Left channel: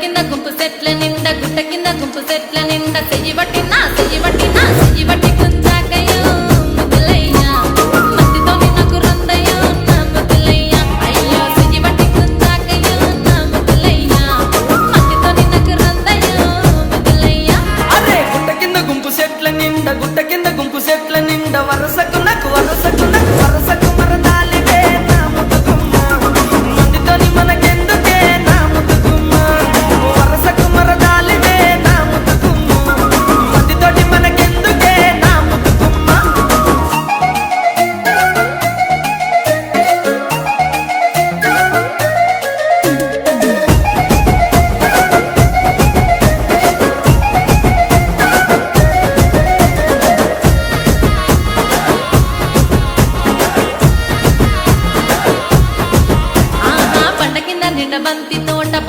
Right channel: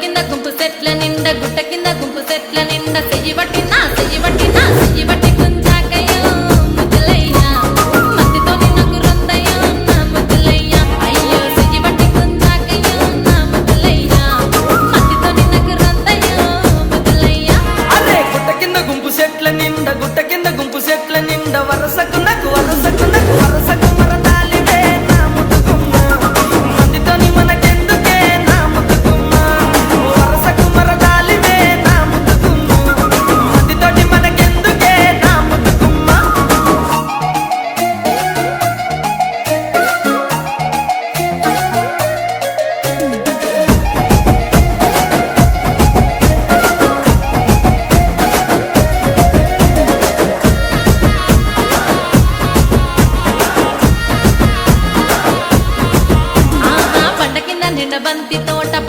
కింద గుంపు సెట్ల నిండా గుట్ట కింద గుంపు సెట్ల నిండా చెయ్యి బట్టి కుంజాకయ్యో ముద్దులయ్యా మందితో నాకు రందయ్యో నా ముద్దులయ్యా అయ్యో చెయ్యి బట్టి కుంజాకయ్యో నా ముద్దులయ్యా మందితో నాకు రందయ్యో ముద్దులయ్యా అరే గుట్ట కింద గుంపు సెట్ల నిండా వరసకు మరదాలివే నా ముద్దుగుమ్మ మందితోని మనకెందుకే నా ముద్దుగుమ్మ వరసకు మరదాలివే నా ముద్దుగుమ్మ మందితోటి మనకెందుకే నా ముద్దుగుమ్మ బండ కింద నిండ బంతి తోట